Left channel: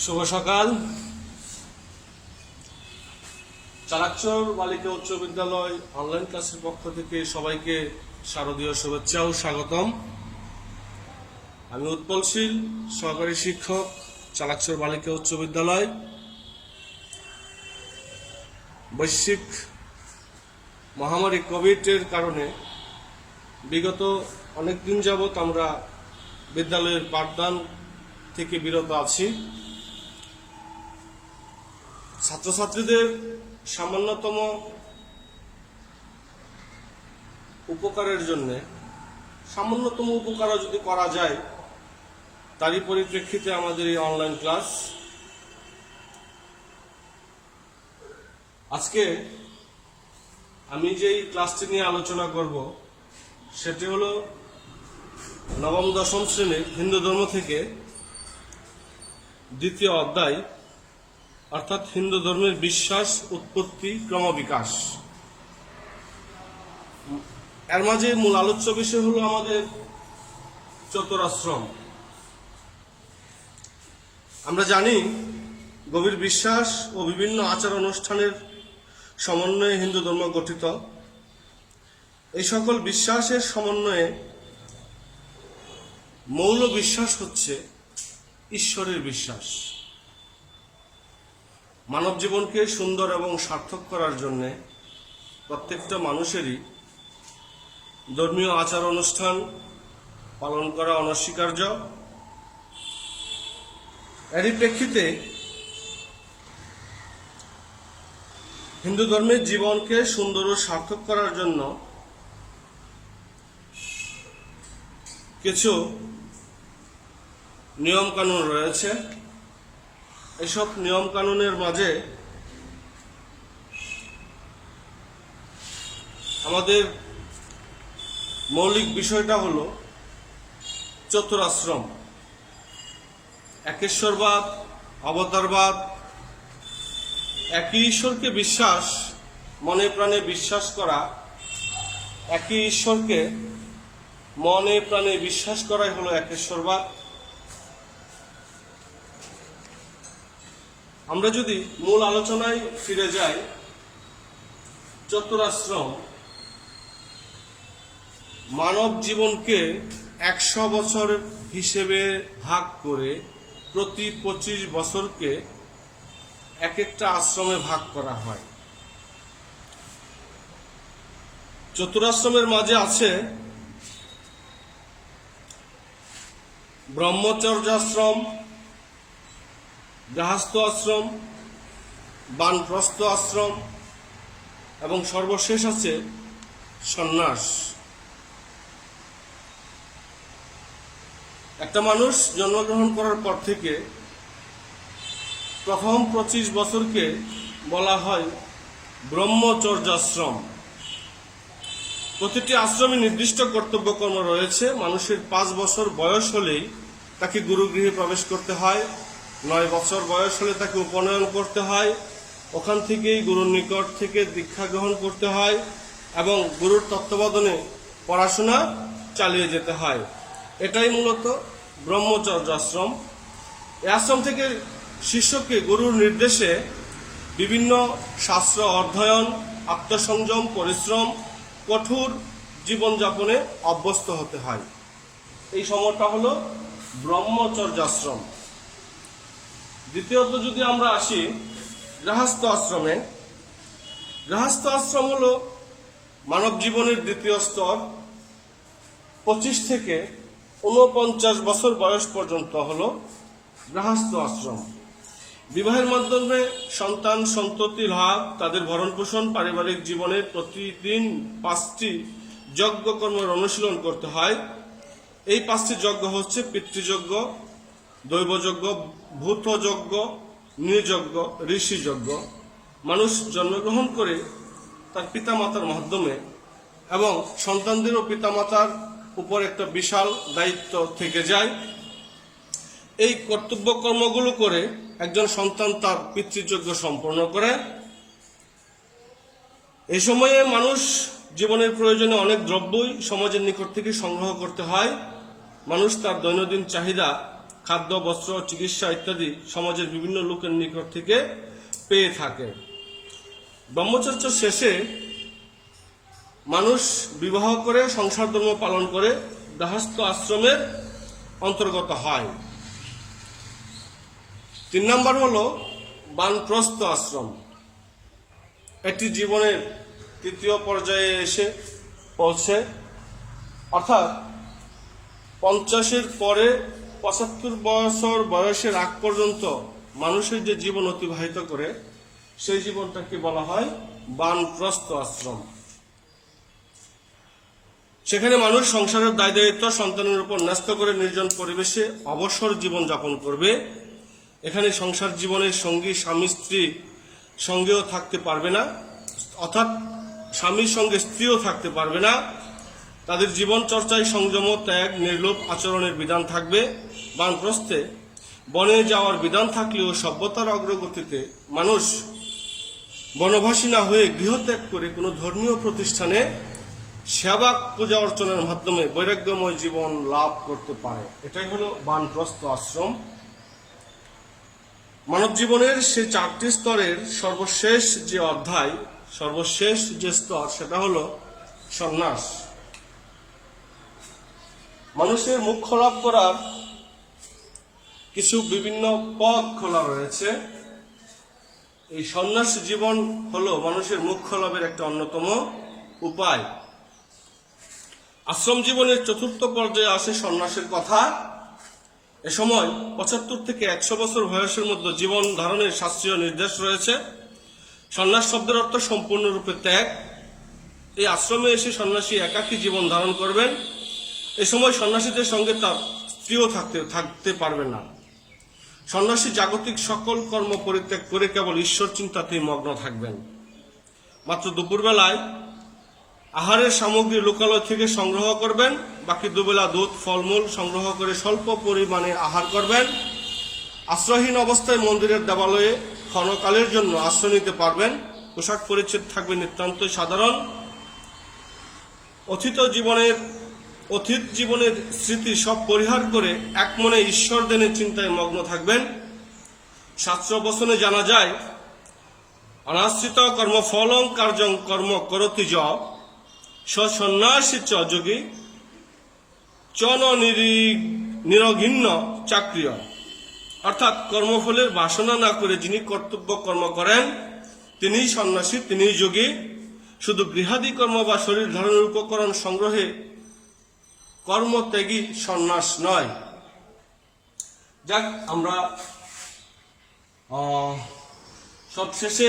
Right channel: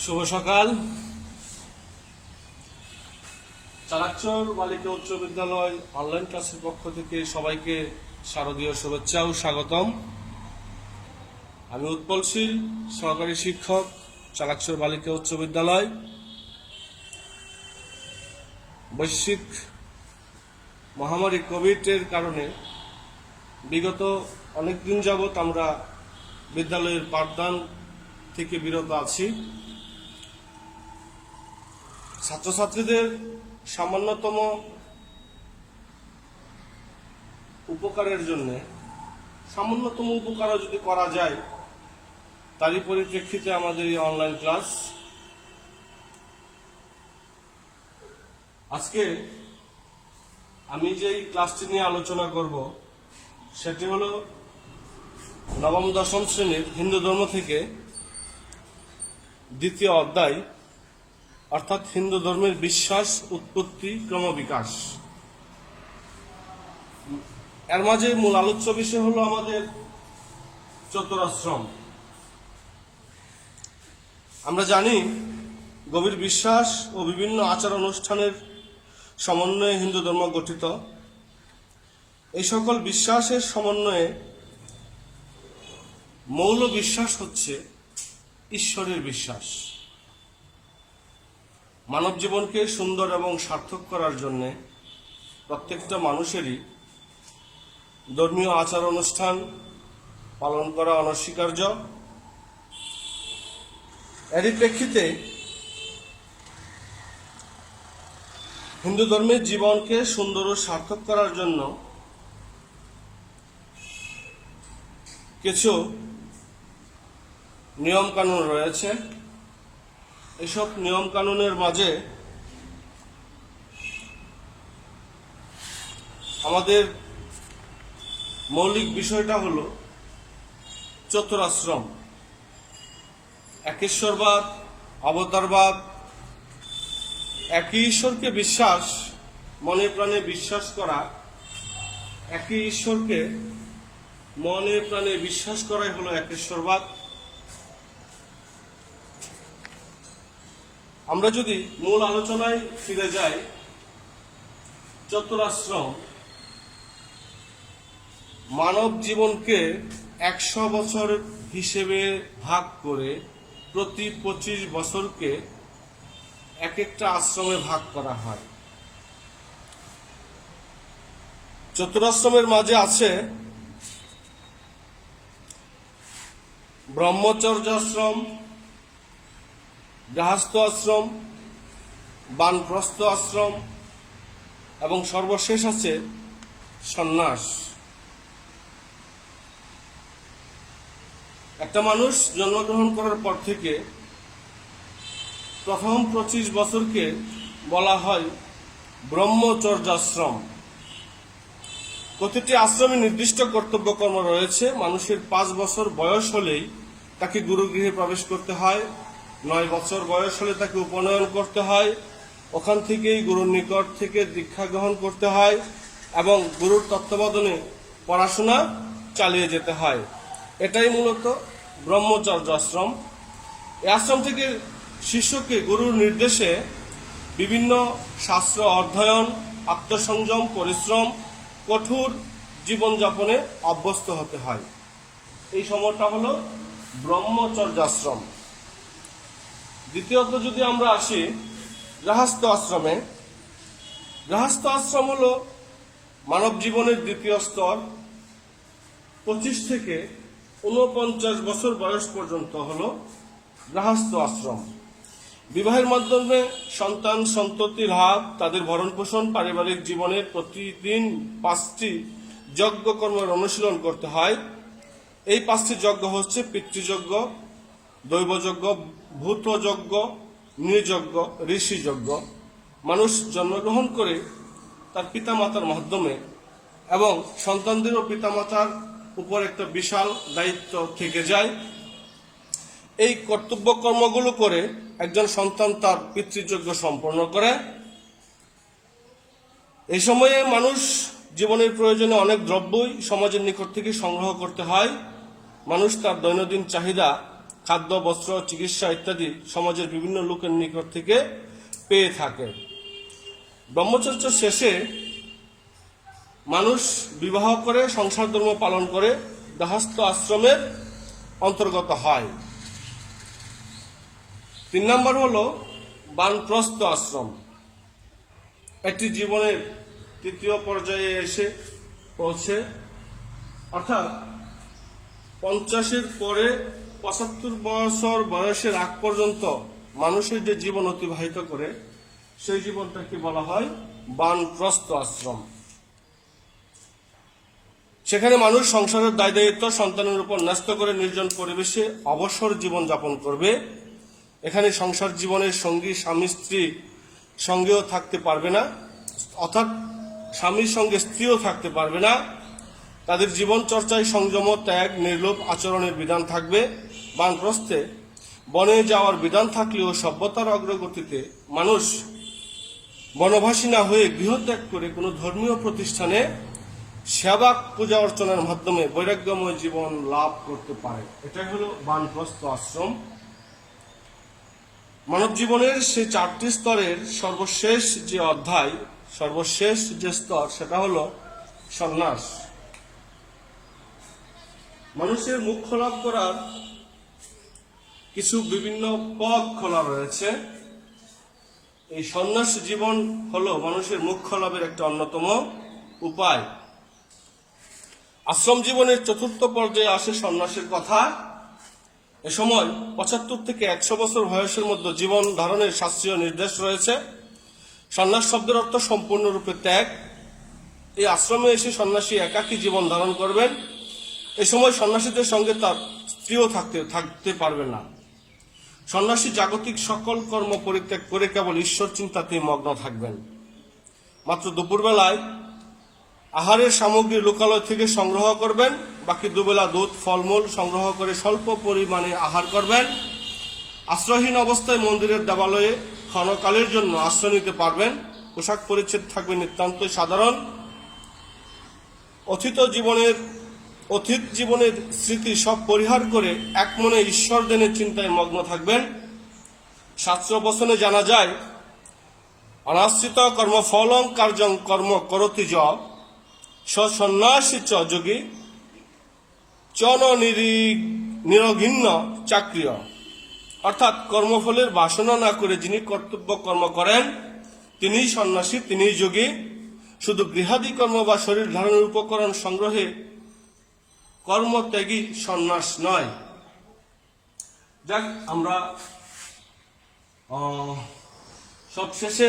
শুভ সকাল। চালাকচর বালিকা উচ্চ বিদ্যালয় অনলাইন ক্লাসের পক্ষ থেকে সবাইকে শারদীয় শুভেচ্ছা ও স্বাগতম। আমি উৎপল শীল, সহকারী শিক্ষক, চালাকচর বালিকা উচ্চ বিদ্যালয়। বৈশ্বিক মহামারী কোভিড-এর কারণে বিগত অনেকদিন যাবৎ আমরা বিদ্যালয়ের পাঠদান থেকে বিরত আছি। ছাত্রছাত্রীদের সামান্যতম উপকারের জন্য সামান্যতম উপকারও যদি করা যায়, তারই পরিপ্রেক্ষিতে আমাদের এই অনলাইন ক্লাস। আজকে আমি যেই ক্লাসটি নিয়ে আলোচনা করব সেটি হলো নবম দশম শ্রেণীর হিন্দু ধর্ম থেকে দ্বিতীয় অধ্যায়, অর্থাৎ হিন্দু ধর্মের বিশ্বাস, উৎপত্তি, ক্রমবিকাশ। এর মাঝে মূল আলোচ্য বিষয় হলো আমাদের চতুরাশ্রম। আমরা জানি গভীর বিশ্বাস ও বিভিন্ন আচার অনুষ্ঠানের সমন্বয়ে হিন্দু ধর্ম গঠিত। এই সকল বিশ্বাসের সমন্বয়ে মৌল বিশ্বাস হচ্ছে ঈশ্বরের বিশ্বাস। মানব জীবনকে সুন্দর এবং সার্থক করার জন্য প্রত্যেকটা মানুষেরই ধর্মীয় আচার অনুষ্ঠান পালন করা অনস্বীকার্য। এরই প্রেক্ষিতে হিন্দু ধর্মের জীবনকে সুন্দর ও সার্থক করার জন্য কিছু নিয়ম কানুন রয়েছে। এসব নিয়ম কানুনের মাঝে আমাদের মৌলিক বিষয়টা হলো চতুরাশ্রম। একেশ্বরবাদ, অবতারবাদ, একই ঈশ্বরকে বিশ্বাস, মনে প্রাণে বিশ্বাস করা, একই ঈশ্বরকে মনে প্রাণে বিশ্বাস করাই হলো একেশ্বরবাদ। আমরা যদি মূল আলোচনায় ফিরে যাই, চতুরাশ্রম মানব জীবনকে 100 বছর হিসেবে ভাগ করে প্রতি 25 বছরকে এক একটা আশ্রমে ভাগ করা হয়। চতুরাশ্রমের মাঝে আছে ব্রহ্মচর্যাশ্রম, গৃহস্থ আশ্রম, বানপ্রস্থ আশ্রম এবং সর্বশেষ আছে সন্ন্যাস। একটা মানুষ জন্মগ্রহণ করার পর থেকে প্রথম 25 বছরকে বলা হয় ব্রহ্মচর্যাশ্রম। প্রতিটি আশ্রমে নির্দিষ্ট কর্তব্যকর্ম রয়েছে। মানুষের 5 বছর বয়স হলেই তাকে গুরুগৃহে প্রবেশ করতে হয়, 9 বছর বয়স হলে তাকে উপনয়ন করতে হয়, ওখান থেকেই গুরুর নিকট থেকে দীক্ষা গ্রহণ করতে হয় এবং গুরুর তত্ত্বাবধানে পড়াশোনা চালিয়ে যেতে হয়। এটাই মূলত ব্রহ্মচর্য আশ্রম। এই আশ্রম থেকে শিষ্যকে গুরুর নির্দেশে বিভিন্ন শাস্ত্র অধ্যয়ন, আত্মসংযম, পরিশ্রম, কঠোর জীবনযাপনে অভ্যস্ত হতে হয়। এই সময়টা হলো ব্রহ্মচর্যাশ্রম। দ্বিতীয়ত যদি আমরা আসি গৃহস্থ আশ্রমে, গৃহস্থ আশ্রম হলো মানব জীবনের দ্বিতীয় স্তর। 25 থেকে 49 বছর বয়স পর্যন্ত হলো গৃহস্থ আশ্রম। বিবাহের মাধ্যমে সন্তান সন্ততি লাভ, তাদের ভরণ পোষণ, পারিবারিক জীবনের প্রতিদিন 5টি যজ্ঞ কর্মের অনুশীলন করতে হয়। এই 5টি যজ্ঞ হচ্ছে পিতৃযজ্ঞ, দৈবযজ্ঞ, ভূতযজ্ঞ, নৃযজ্ঞ, ঋষিযজ্ঞ। মানুষ জন্মগ্রহণ করে তার পিতামাতার মাধ্যমে এবং সন্তানদেরও পিতামাতার উপর একটা বিশাল দায়িত্ব থেকে যায়। এই কর্তব্য কর্মগুলো করে একজন সন্তান তার পিতৃযজ্ঞ সম্পন্ন করে। এই সময়ে মানুষ জীবনের প্রয়োজনে অনেক দ্রব্যই সমাজের নিকট থেকে সংগ্রহ করতে হয়। মানুষ তার দৈনন্দিন চাহিদা খাদ্য, বস্ত্র, চিকিৎসা ইত্যাদি সমাজের বিভিন্ন লোকের নিকট থেকে পেয়ে থাকে। ব্রহ্মচর্য শেষে মানুষ বিবাহ করে সংসার ধর্ম পালন করে গৃহস্থ আশ্রমের অন্তর্গত হয়। 3 নম্বর হলো বানপ্রস্থ আশ্রম। একটি জীবনের তৃতীয় পর্যায়ে এসে পৌঁছে, অর্থাৎ 50-এর পরে 75 বছর বয়সের আগ পর্যন্ত মানুষের যে জীবন অতিবাহিত করে সেই জীবনটাকে বলা হয় বানপ্রস্থ আশ্রম। সেখানে মানুষ সংসারের দায় দায়িত্ব সন্তানের উপর ন্যস্ত করে নির্জন পরিবেশে অবসর জীবন যাপন করবে। এখানে সংসার জীবনের সঙ্গী স্বামী স্ত্রী সঙ্গেও থাকতে পারবে না, অর্থাৎ স্বামীর সঙ্গে স্ত্রীও থাকতে পারবে না। তাদের জীবন চর্চায় সংযম, ত্যাগ, নির্লোভ আচরণের বিধান থাকবে। বানপ্রস্থে বনে যাওয়ার বিধান থাকলেও সভ্যতার অগ্রগতিতে মানুষ বনবাসী না হয়ে গৃহত্যাগ করে কোনো ধর্মীয় প্রতিষ্ঠানে সেবা, পূজা অর্চনার মাধ্যমে বৈরাগ্যময় জীবন লাভ করতে পারে। এটাই হলো বানপ্রস্থ আশ্রম। মানব জীবনের সেই 4টি স্তরের সর্বশেষ যে অধ্যায়, সর্বশেষ যে স্তর, সেটা হলো সন্ন্যাস। মানুষের মুখ্য লাভ করার কিছু বিভিন্ন পথ খোলা রয়েছে। এই সন্ন্যাস জীবন হলো মানুষের মুখ্য লাভের একটা অন্যতম উপায়। আশ্রম জীবনের 4র্থ পর্যায়ে আসে সন্ন্যাসের কথা। এ সময় 75 থেকে 100 বছর বয়সের মধ্যে জীবন ধারণের শাস্ত্রীয় নির্দেশ রয়েছে। সন্ন্যাস শব্দের অর্থ সম্পূর্ণরূপে ত্যাগ। এই আশ্রমে এসে সন্ন্যাসী একাকী জীবন ধারণ করবেন। এ সময় সন্ন্যাসীদের সঙ্গে তার স্ত্রীও থাকতে পারবেন না। সন্ন্যাসী জাগতিক সকল কর্ম পরিত্যাগ করে কেবল ঈশ্বর চিন্তাতেই মগ্ন থাকবেন। মাত্র দুপুরবেলায় আহারের সামগ্রী লোকালয় থেকে সংগ্রহ করবেন। বাকি দুবেলা দুধ, ফলমূল সংগ্রহ করে স্বল্প পরিমাণে আহার করবেন। আশ্রয়হীন অবস্থায় মন্দিরের দেবালয়ে ক্ষণকালের জন্য আশ্রয় নিতে পারবেন। পোশাক পরিচ্ছদ থাকবে নিতান্ত সাধারণ। অতীত জীবনের স্মৃতি সব পরিহার করে এক মনে ঈশ্বর দেনের চিন্তায় মগ্ন থাকবেন। শাস্ত্র বচনে জানা যায়, অনাশ্রিত কর্মফলং কার্যং কর্ম করতি য সন্ন্যাসী চ যোগী চন নিরঘিন্ন চাকরিয়। অর্থাৎ কর্মফলের বাসনা না করে যিনি কর্তব্য কর্ম করেন তিনিই সন্ন্যাসী, তিনিই যোগী। শুধু গৃহাদি কর্ম বা শরীর ধারণের উপকরণ সংগ্রহে কর্মত্যাগী সন্ন্যাস নয়। যাক, আমরা সবশেষে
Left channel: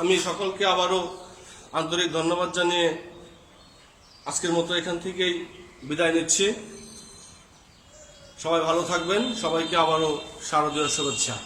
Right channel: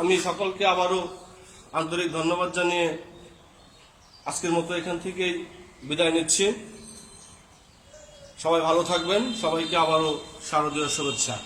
আমি সকলকে আবারও আন্তরিক ধন্যবাদ জানিয়ে আজকের মতো এখান থেকেই বিদায় নিচ্ছি। সবাই ভালো থাকবেন। সবাইকে আবারও শারদীয় শুভেচ্ছা।